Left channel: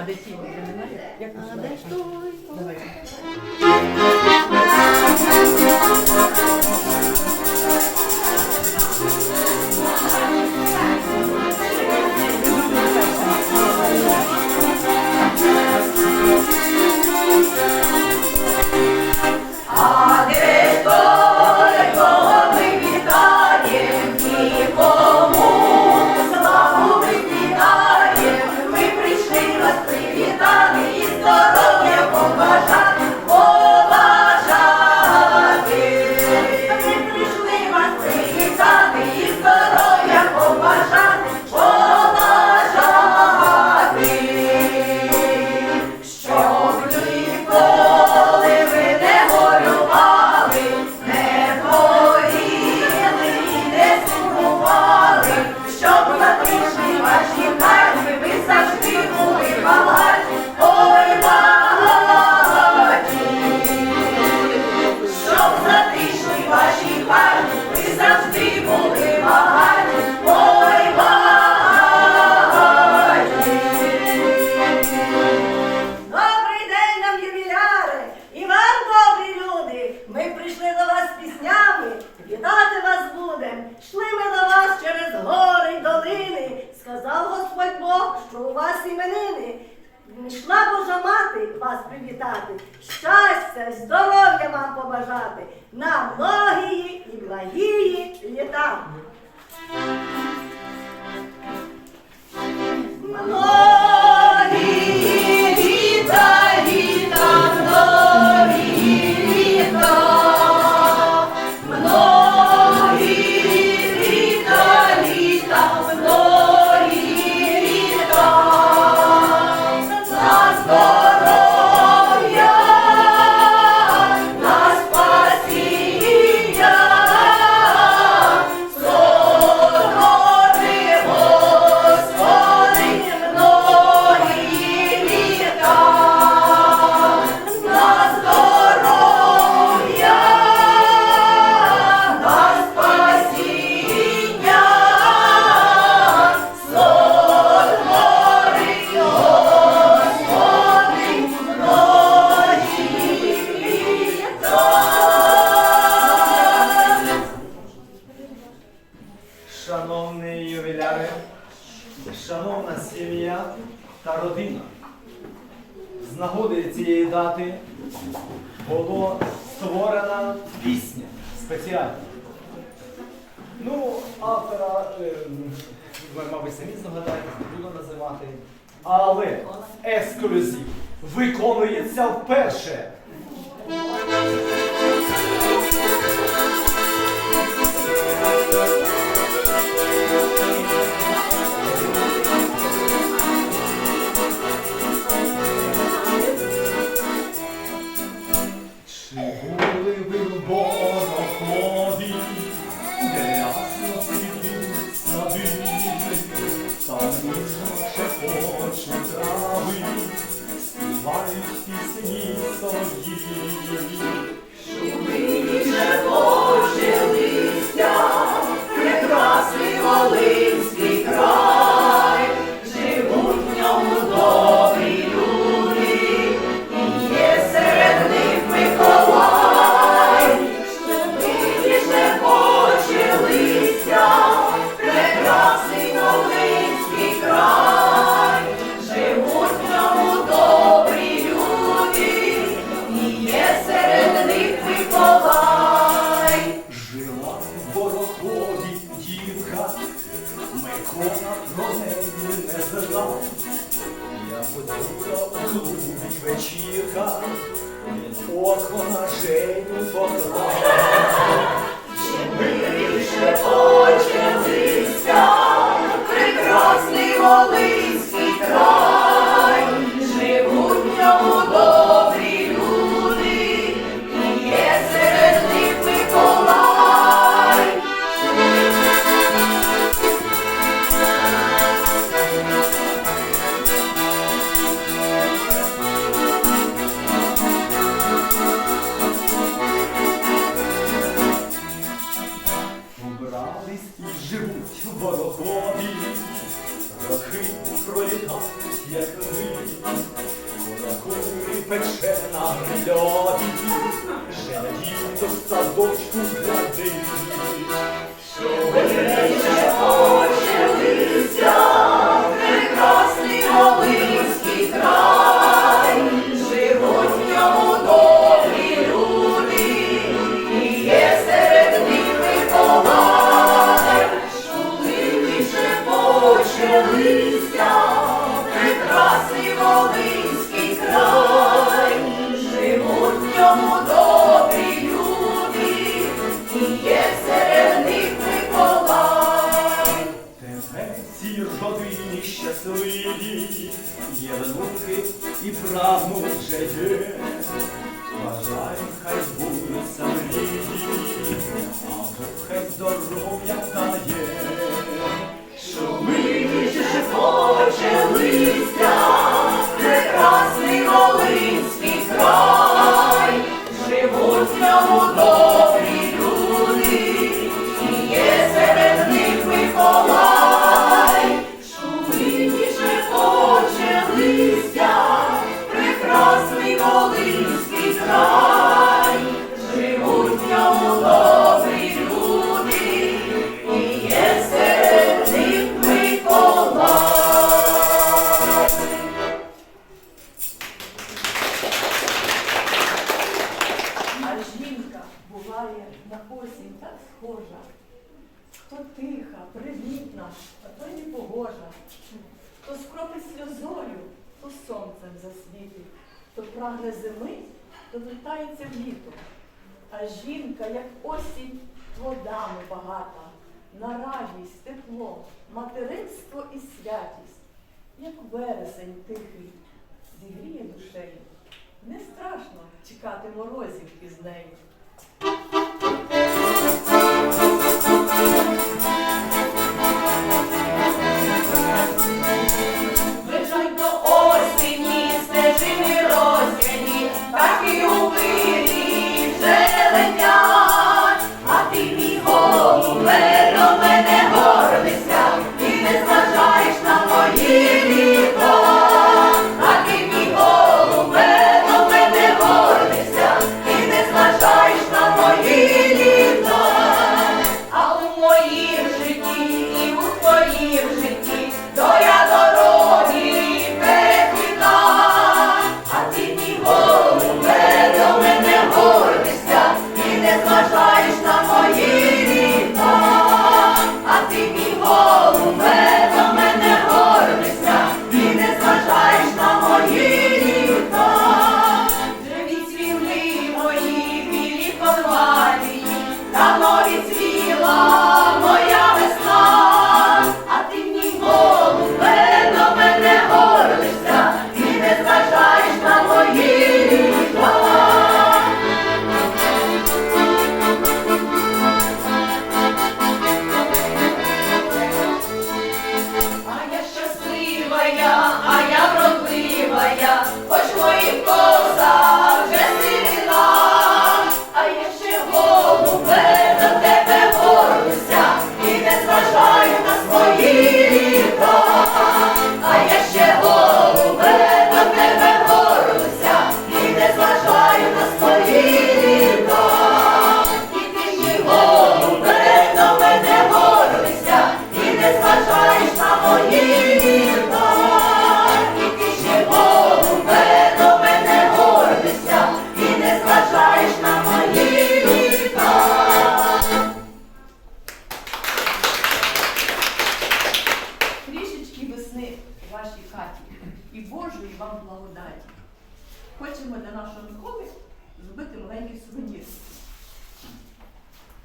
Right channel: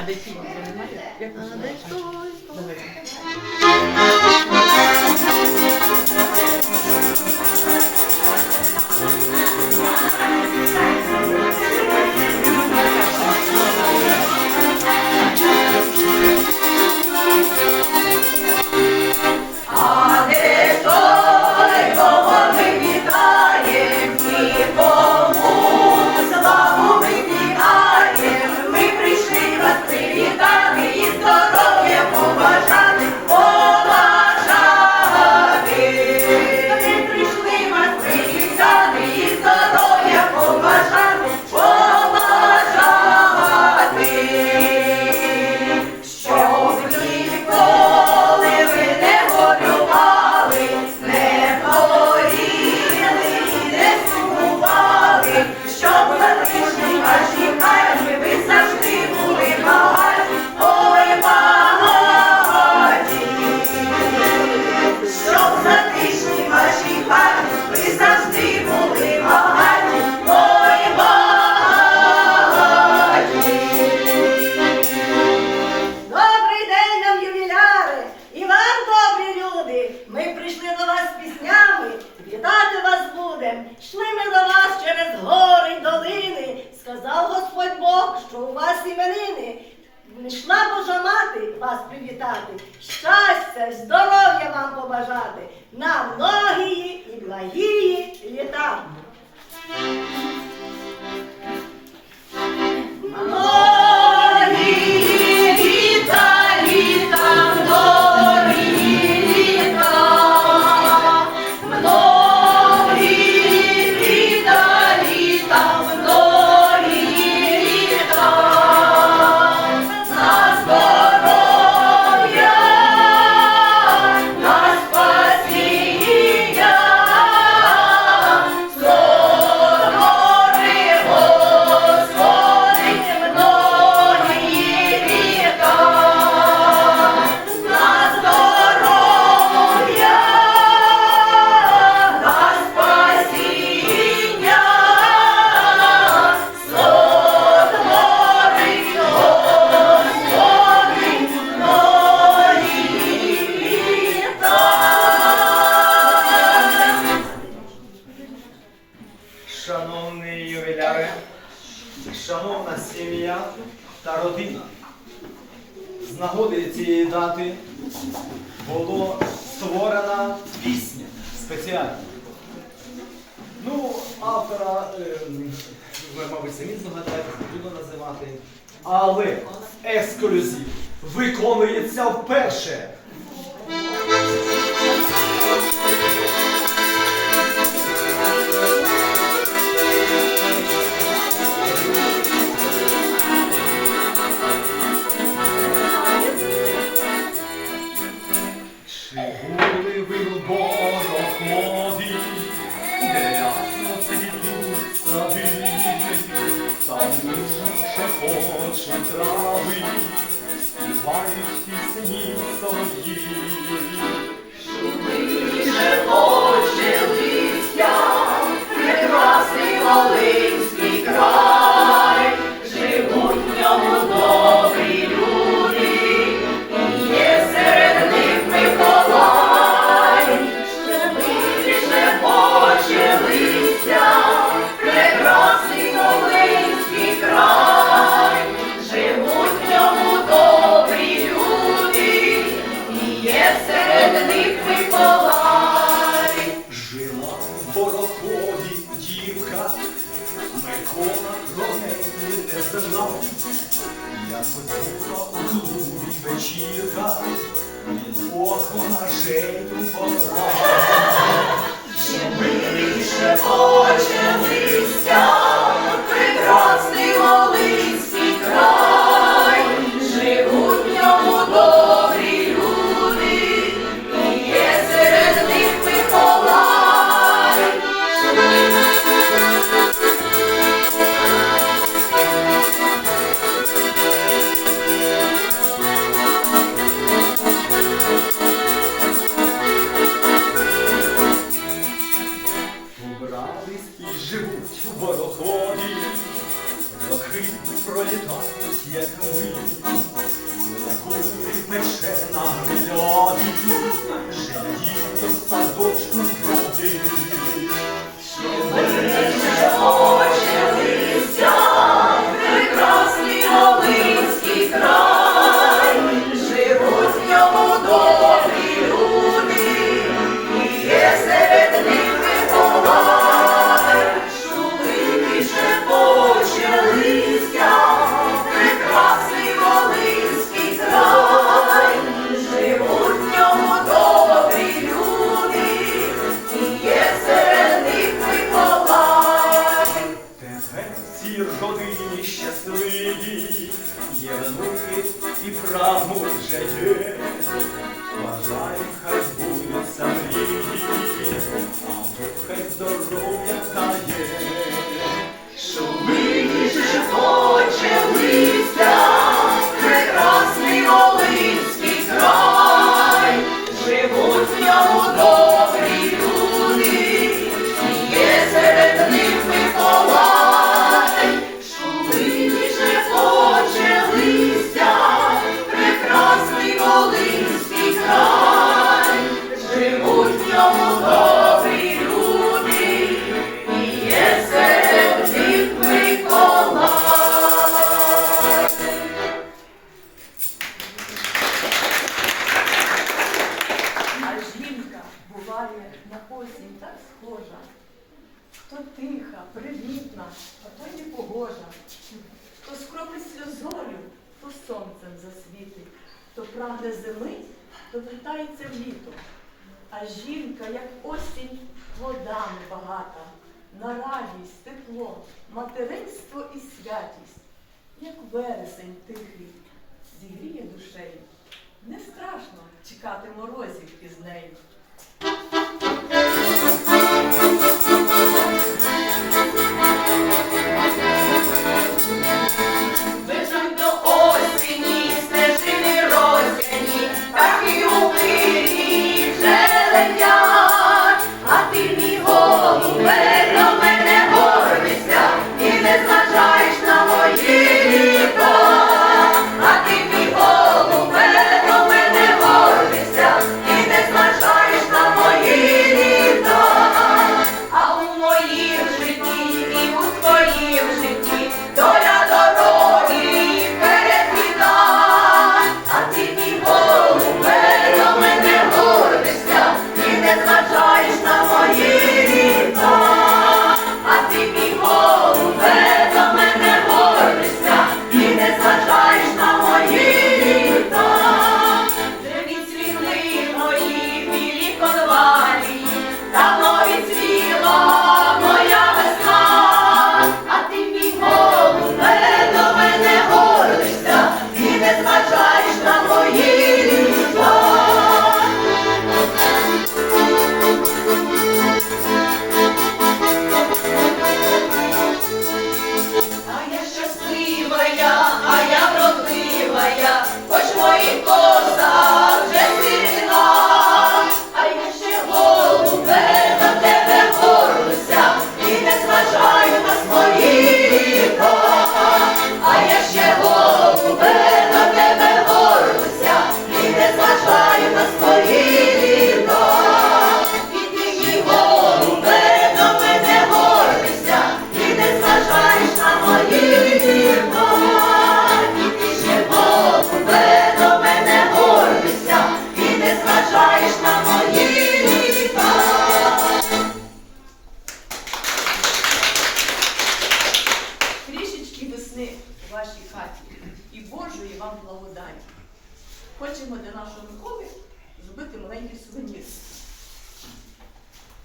Avec qui Avec toi. Йшла Божа мати вас привітати, щастя, здоров'я вам побажати на многії і благії літа. Шановні ювіляри, шановна сім'я та родина. З нагоди цієї дати була створена пісня спеціальна. Ну, автора, е, ви, мабуть, самі згадаєте, буду називати, але ексклюзив виконується вперше. були ви в бороході, де ясно світлі сади, там лише шепочуть трави, співають пісні солов'ї. сонцем засвітить, хто прагне зими, то вертається в літо. А жінка, як осінь, водами багата, на радість, тепло, материнство і святість, як вересень тихий, зігріє душею. Не страшно чекати морозів із нею. нашому схові зробити маленький сувенір.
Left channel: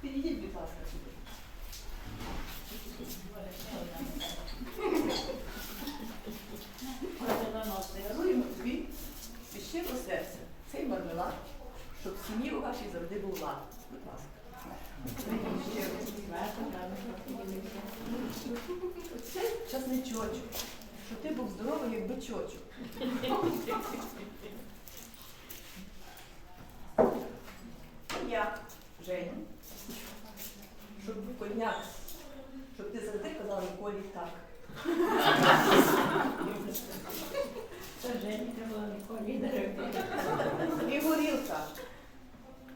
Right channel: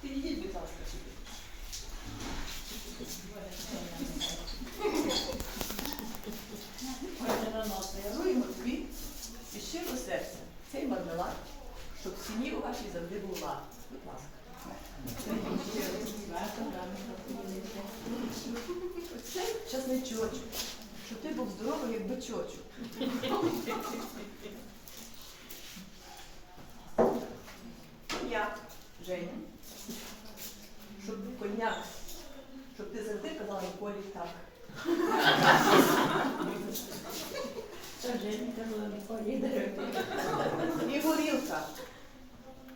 Підійдіть, будь ласка, сюди. Даруємо тобі священне серце. Цей мармелад, щоб в сім'ї у вашій завжди був лад. Будь ласка. Цей часний щоб ти був здоровий, як бичочок. І горілка.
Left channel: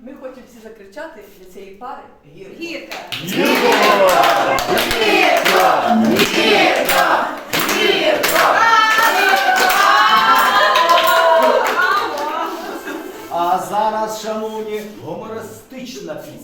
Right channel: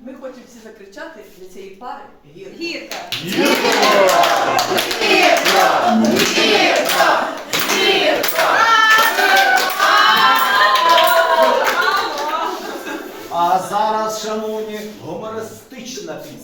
Ми хочемо всі закричати для цієї пари гірка. Гірка! Гірка! Гірка! Гірка! Гірка! А зараз, шановні, гумористична пісня.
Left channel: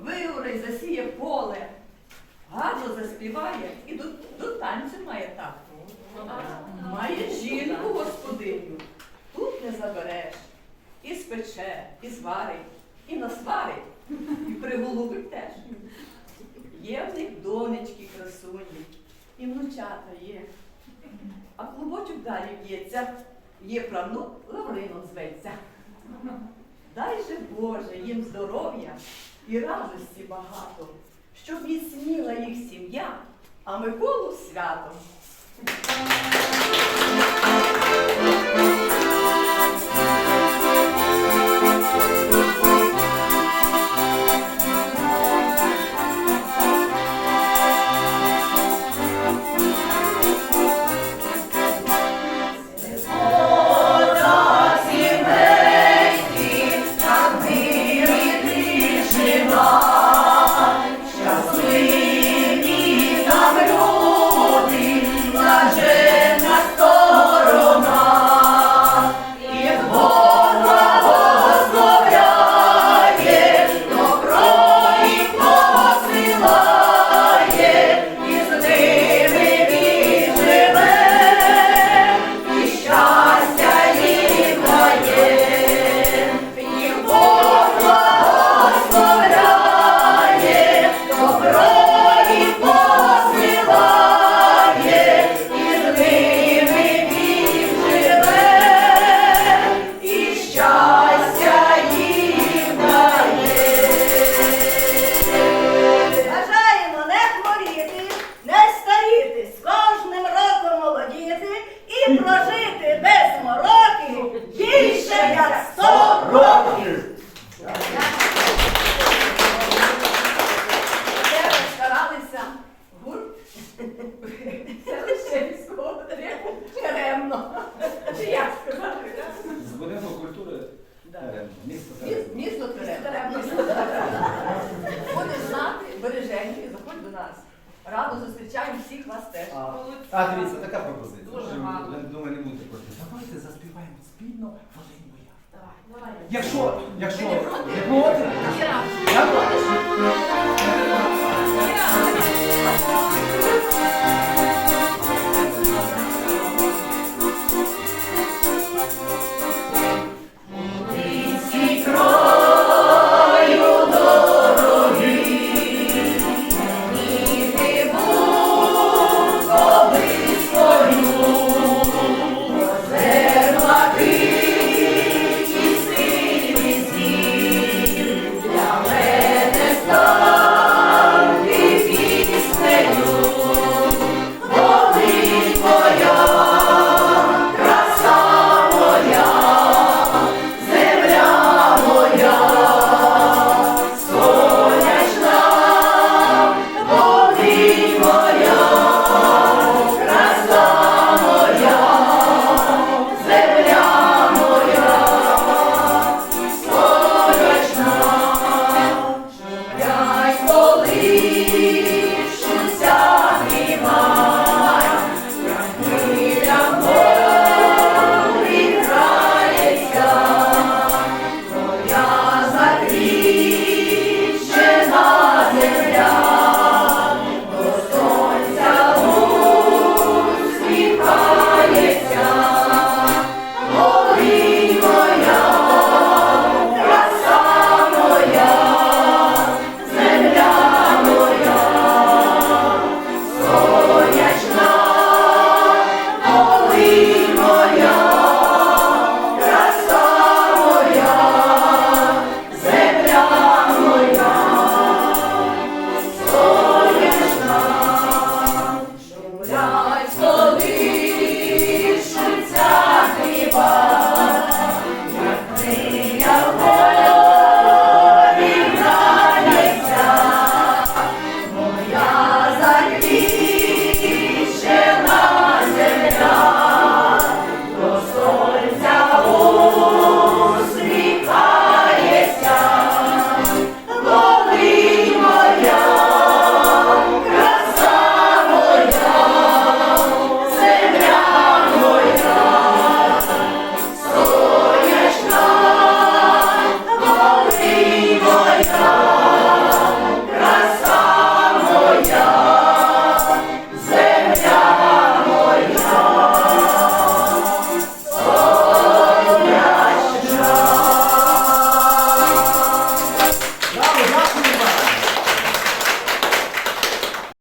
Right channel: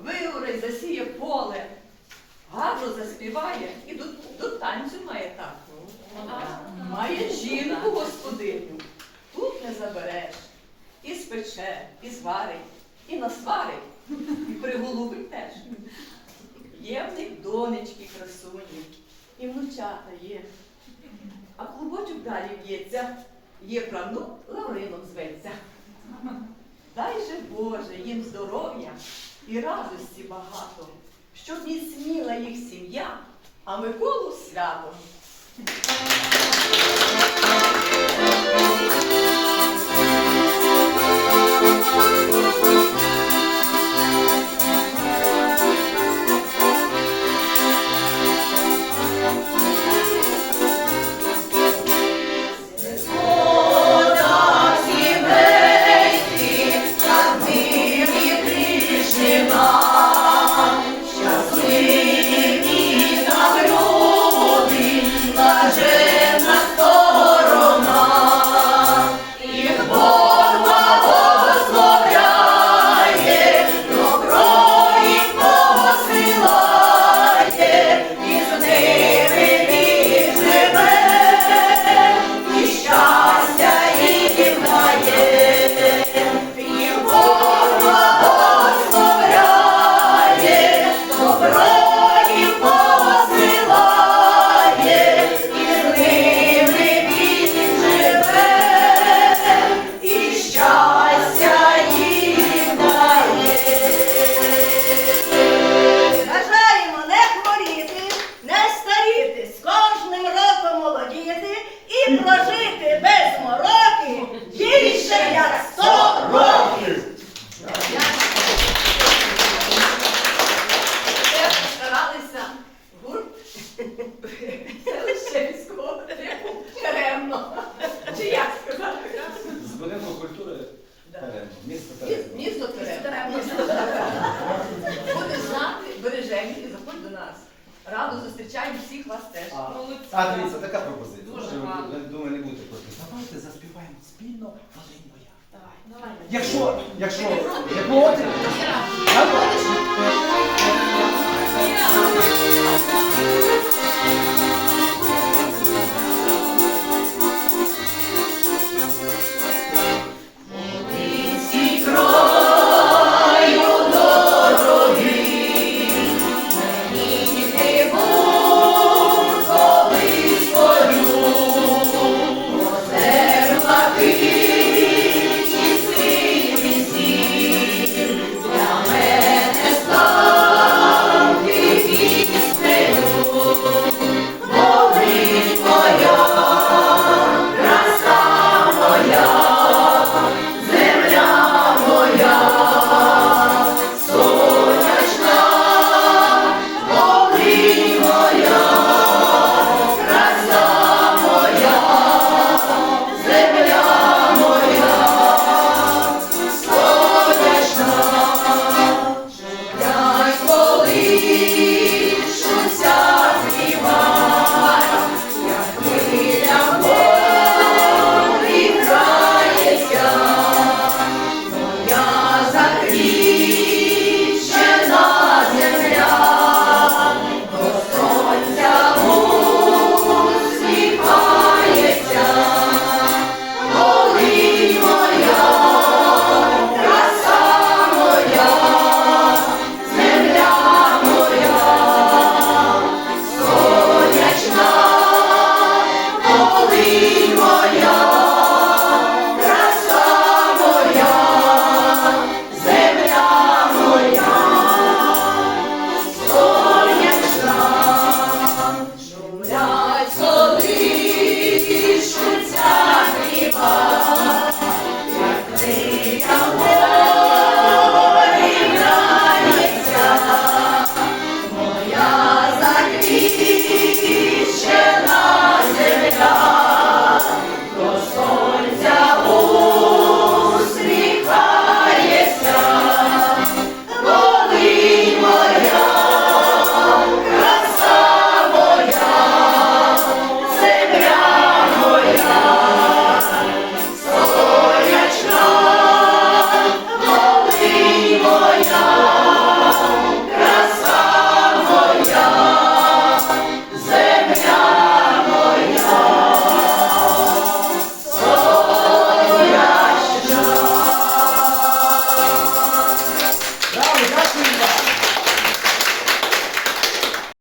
вигорить, засіє поле, гарно заспіває і до, до танцю має так. Має жінку господиню. Тут не забереш. І спече, і зварить, і насварить, і приголубить теж. Є в них донечки красуні, і внучата є. А клубочок далі б'ється, є правнук, Лаврином зветься. Дай же Боже, їм здоров'я і радості багато, щоб міцніла їх сім'я, а Миколу свято.